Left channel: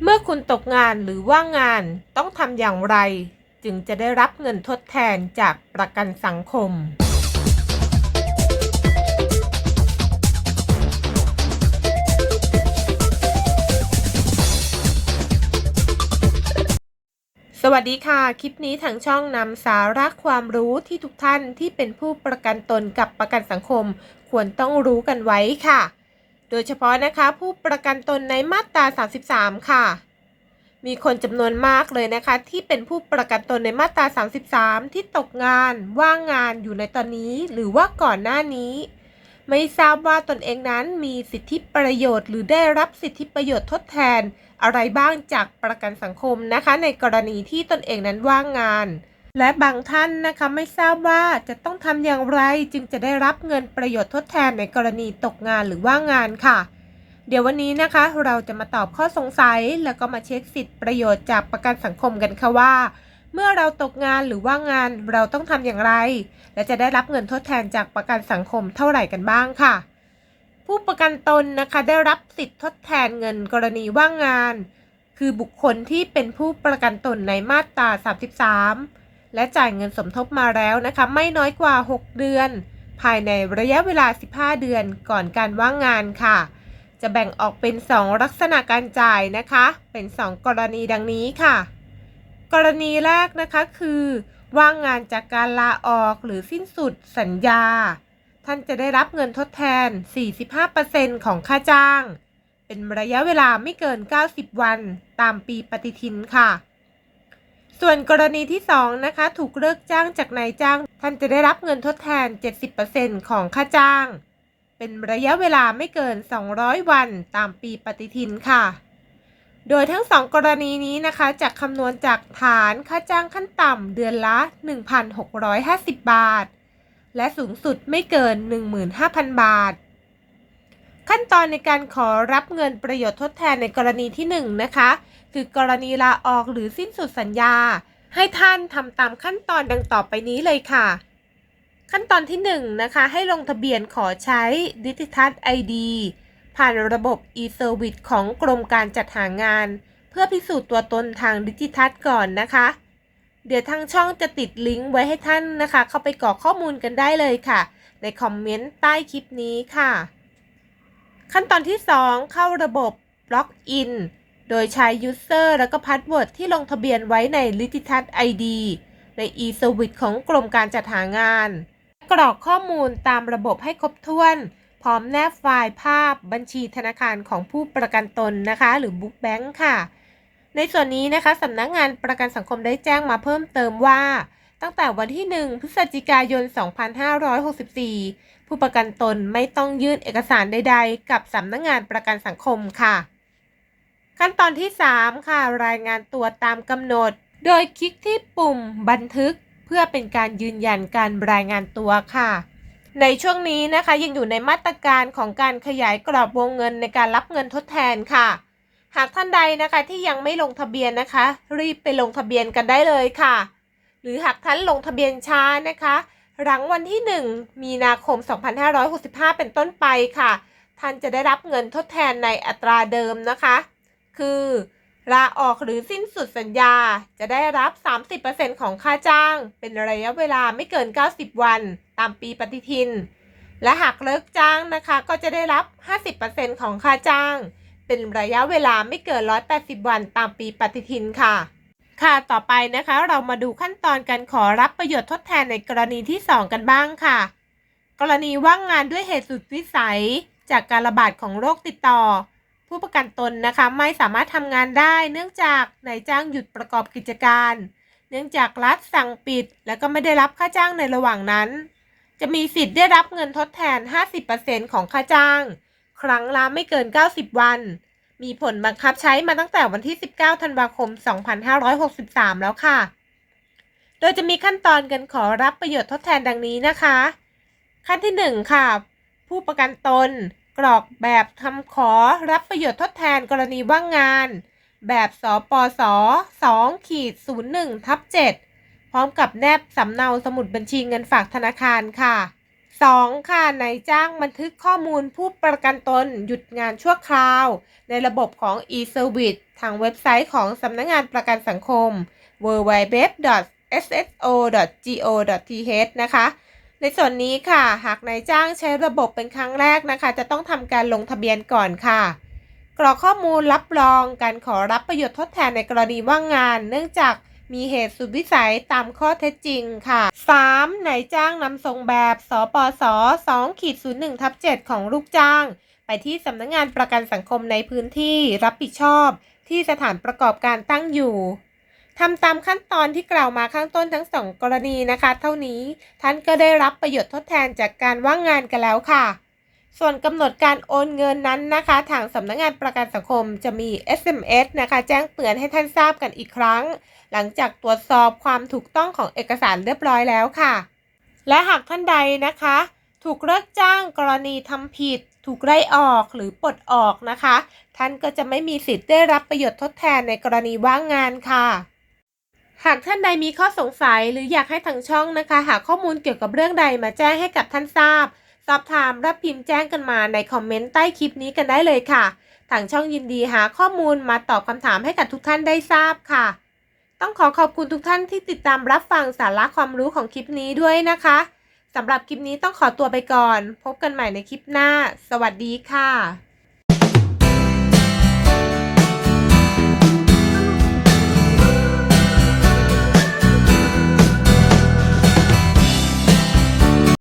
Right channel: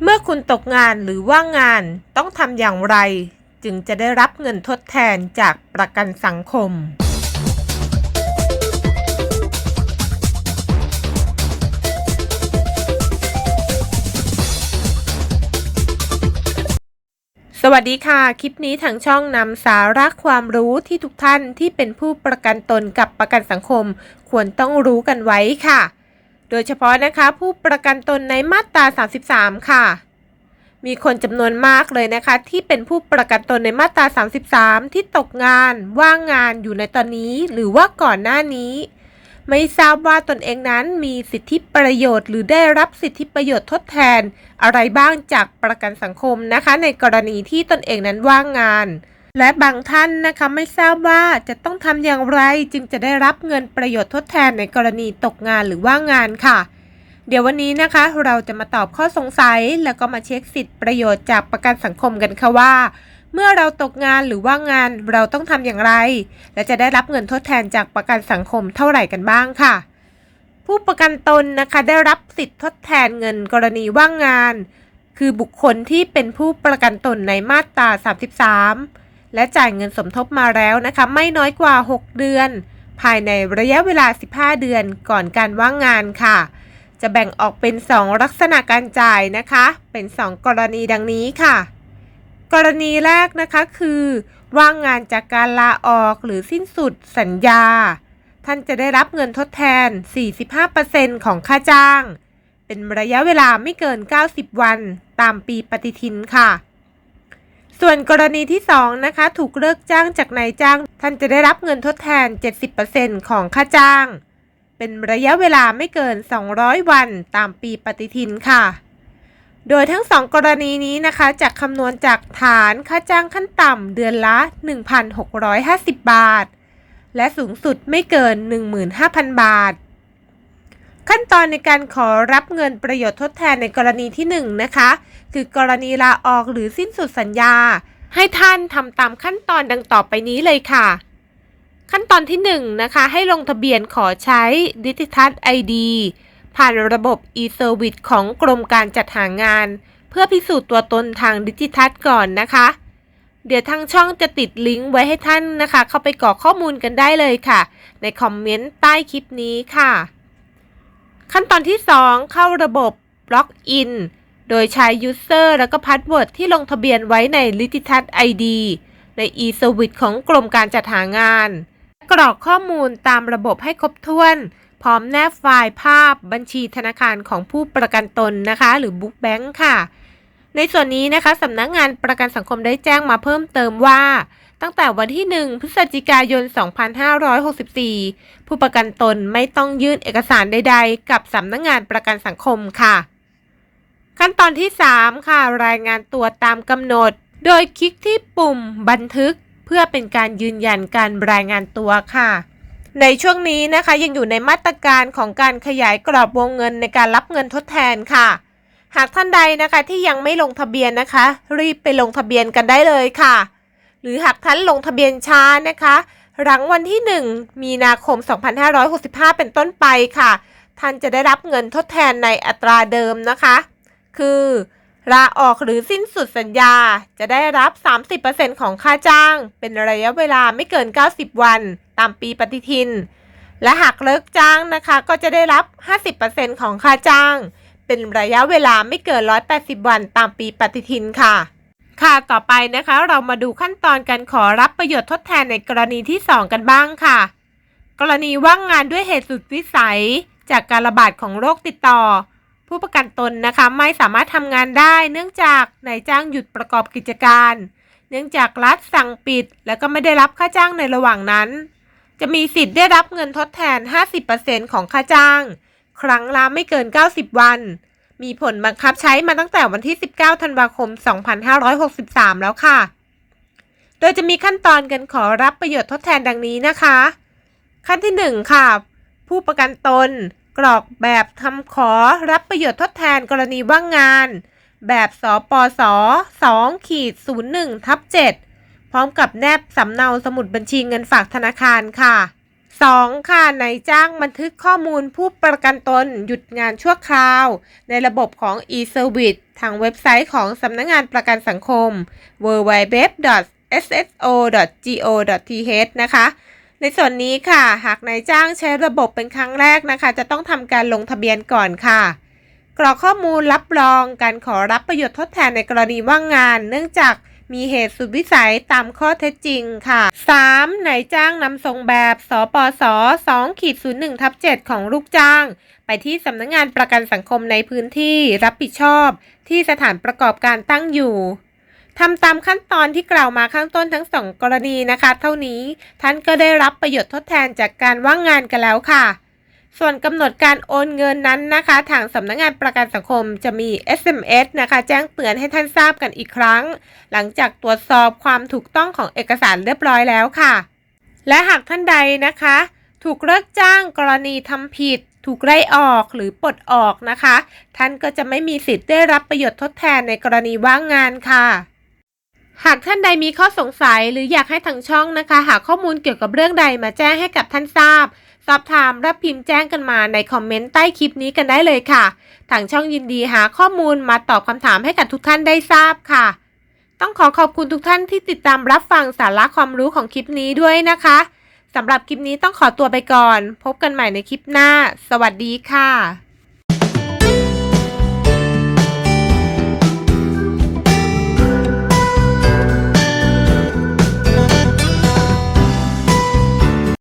เมื่อคุณตกงานหรือว่างงานต้องทำอย่างไร จึงจะได้รับเงินทดแทนจากประกันสังคม สวัสดีค่ะ คลิปนี้ทางช่องนำสาระความรู้ที่ทุกท่านที่เป็นผู้ประกันตนกับประกันสังคม ควรต้องรู้กันไว้ค่ะ โดยเฉพาะนะคะผู้ประกันตนในมาตรา 33 ค่ะ มีคนจำนวนมากเลยนะคะ ที่เป็นผู้ประกันตนในมาตรา 33 ที่ตกงาน ว่างงานอยู่ในตอนนี้ หรือว่าก่อนหน้านี้ ไม่ทราบว่าตนเองนั้นมีสิทธิประโยชน์ หรือได้รับสิทธิประโยชน์ทดแทน อะไรบ้างจากประกันสังคมนะคะ ในกรณีที่ตนเองนั้นว่างงาน และบางท่านนะคะไม่ทราบว่าจะต้องทำอย่างไรจึงจะได้รับเงินประโยชน์ทดแทนในกรณีตกงานหรือว่างงานค่ะ เดี๋ยววันนี้นะคะ เราจะมาตอบข้อสงสัย แล้วก็มาเช็คสิทธิประโยชน์จากประกันสังคมกันค่ะว่า เมื่อเราตกงานหรือว่างงานเราต้องทำอย่างไร และจะได้รับเงินทดแทนจากประกันสังคมเท่าไหร่กันบ้างค่ะ ผู้ประกันตนนะคะได้รับสิทธิทดแทนเงินกรณีว่างงาน คือบุคคลที่เป็นผู้ประกันตนในมาตรา 33 และจ่ายเงินสมทบมาแล้วนะคะไม่น้อยกว่า 6 เดือน ภายในระยะเวลา 15 เดือนก่อนการว่างงานค่ะ จะแบ่งออกเป็น 2 ลักษณะการจ่ายนะคะ เป็น 2 กรณีดังนี้ค่ะ กรณีแรกนะคะคือ ว่างงานจากการลาออกหรือสิ้นสุดสัญญา ท่านจะได้รับเงินทดแทน 45%ของค่าจ้าง เป็นระยะเวลาไม่เกิน 90 วัน ตามปีปฏิทินค่ะ ส่วนกรณีที่ 2 นะคะ ถูกเลิกจ้างจากนายจ้าง ท่านจะได้รับเงินทดแทน 70%ของค่าจ้าง เป็นระยะเวลาไม่เกิน 200 วันตามปีปฏิทินค่ะ โดยทั้ง2กรณีนี้นะคะจะคำนวณจากฐานค่าจ้างขั้นต่ำเดือนละ 1,650 บาท และสูงสุดไม่เกิน 15,000 บาท ขั้นตอนในการขอรับเงินประโยชน์ทดแทนในกรณีที่ 1 นะคะ คือกรณีลาออกหรือสิ้นสุดสัญญา ให้ท่านทำตามขั้นตอนดังต่อไปนี้เลยค่ะ ขั้นตอนที่1นะคะให้ลงทะเบียนขอใช้ดิจิทัล ID ผ่านระบบ e-service ของกรมการจัดหางาน เพื่อพิสูจน์ตัวตนทางดิจิทัลก่อนนะคะ เดี๋ยวทางช่องจะติดลิงก์ไว้ให้ท่านนะคะ เข้าไปกรอกข้อมูลกันได้เลยค่ะ ในคอมเมนต์ใต้คลิปนี้ค่ะ ขั้นตอนที่ 2 เข้าระบบล็อกอิน โดยใช้ User แล้วก็ Password ที่ลงทะเบียนไว้ใน l i t i t a s ID ใน e-service ของกรมการจัดหางาน กรอกข้อมูลตามระบบให้ครบถ้วน พร้อมแนบไฟล์ภาพบัญชีธนาคารของผู้ประกันตนนะคะ หรือ Book Bank ค่ะ ในส่วนนี้นะคะสำนักงานประกันสังคมได้แจ้งมาเพิ่มเติมว่าตั้งแต่วันที่ 1 พฤศจิกายน 2564 ผู้ประกันตนไม่ต้องยื่นเอกสารใด ๆ กับสำนักงานประกันสังคมค่ะ ขั้นตอนที่ 3 ค่ะ รายงานตัวตามกำหนด โดยคลิกที่ปุ่มบันทึก เพื่อเป็นการยืนยันการรายงานตัวค่ะ ในช่วงนี้นะคะยังอยู่ในมาตรการของการขยายกรอบวงเงินในการรับเงินทดแทนค่ะ หากท่านใดนะคะที่ยังไม่ลงทะเบียนนะคะ รีบไปลงทะเบียนกันได้เลยค่ะ หรือหากท่านลงทะเบียนช้านะคะหลังวันที่ 1 มีนาคม 2565 เป็นต้นไปค่ะ ท่านจะได้รับเงินทดแทนในอัตราเดิมนะคะ คือลาออกหรือสิ้นสุดสัญญาจะได้รับ 30%ของค่าจ้าง เป็นระยะเวลาไม่เกิน 90 วัน ตามปีปฏิทิน และหากเลิกจ้างนะคะ ก็จะได้รับ 50%ของค่าจ้าง เป็นระยะเวลาไม่เกิน 180 วัน ตามปีปฏิทินค่ะ ค่ะต่อไปนะคะ เรามาดูขั้นตอนการขอรับประโยชน์ทดแทนในกรณีที่ 2 กันบ้างค่ะ กรณีว่างงานด้วยเหตุสุดวิสัย จากการระบาดของโรคติดต่อ ผู้ประกันตนนะคะไม่สามารถทำงานได้ เนื่องจากนายจ้างหยุดประกอบกิจการ เนื่องจากรัฐสั่งปิด และก็ไม่ได้รับค่าจ้างในระหว่างนั้น จะมีสิทธิ์ได้รับเงินทดแทน 50%ของค่าจ้าง ครั้งละไม่เกิน 90 วัน มีผลบังคับใช้มาตั้งแต่วันที่ 19 ธันวาคม 2563 แล้วค่ะ โดยจะมีขั้นตอนการขอรับประโยชน์ทดแทนดังนี้นะคะ ขั้นที่ 1 ค่ะ ผู้ประกันตน กรอกแบบคำขอรับประโยชน์ทดแทนกรณีว่างงาน แบบสปส2ขีด01ทับ7พร้อมกับแนบสำเนาสมุดบัญชีเงินฝากธนาคารค่ะ 2. ค่ะนายจ้างบันทึกข้อมูลผู้ประกันตนหยุดงานชั่วคราว ในระบบของ e-service ทางเว็บไซต์ของสำนักงงานประกันสังคม www.sso.go.th นะคะ ในส่วนนี้ค่ะ หากนายจ้างใช้ระบบเป็นครั้งแรกนะคะ จะต้องทำการลงทะเบียนก่อนค่ะ กรอกข้อมูลรับรองการขอรับประโยชน์ทดแทนในกรณีว่างงาน เนื่องจากมีเหตุสุดวิสัยตามข้อเท็จจริงค่ะ 3. นายจ้างนำส่งแบบสปส2ขีด01ทับ7ของลูกจ้าง ไปที่สำนักงงานประกันสังคมในพื้นที่รับผิดชอบ ที่สถานประกอบการตั้งอยู่ ทำตามขั้นตอนที่กล่าวมาข้างต้นทั้งสองกรณีนะคะ เท่านี้ท่านก็ได้รับประโยชน์ทดแทนจากการว่างงานกันแล้วค่ะ ส่วนกำหนดการโอนเงินนั้นนะคะ ทางสำนักงงานประกันสังคมจะมี SMS นะคะ แจ้งเตือนให้ท่านทราบกันอีกครั้ง หลังจากตรวจสอบความถูกต้องของเอกสารเรียบร้อยแล้วค่ะ และหากท่านใดนะคะ ถูกเลิกจ้างกรณีทำผิดถูกไล่ออกหรือปลดออกนะคะ ท่านก็จะไม่มีสิทธิ์ได้รับประโยชน์ทดแทนในกรณีว่างงานค่ะ หากท่านใดมีข้อสงสัยหรืออยากให้ทางช่องนะคะ หาข้อมูลเกี่ยวกับเรื่องใดมาแจ้งให้กับท่านทราบ สอบถามรับพิมพ์แจ้งกันมาในคอมเมนต์ใต้คลิปนี้กันได้เลยค่ะ ทางช่องยินดีหาข้อมูลมาตอบคำถามให้กับทุกท่านได้ทราบค่ะ ต้องขอขอบคุณทุกท่านที่ติดตามรับฟังสาระความรู้ของคลิปนี้ด้วยนะคะสำหรับคลิปนี้ต้องขอตัวไปก่อน พบกันใหม่ในคลิปหน้า สวัสดีค่ะ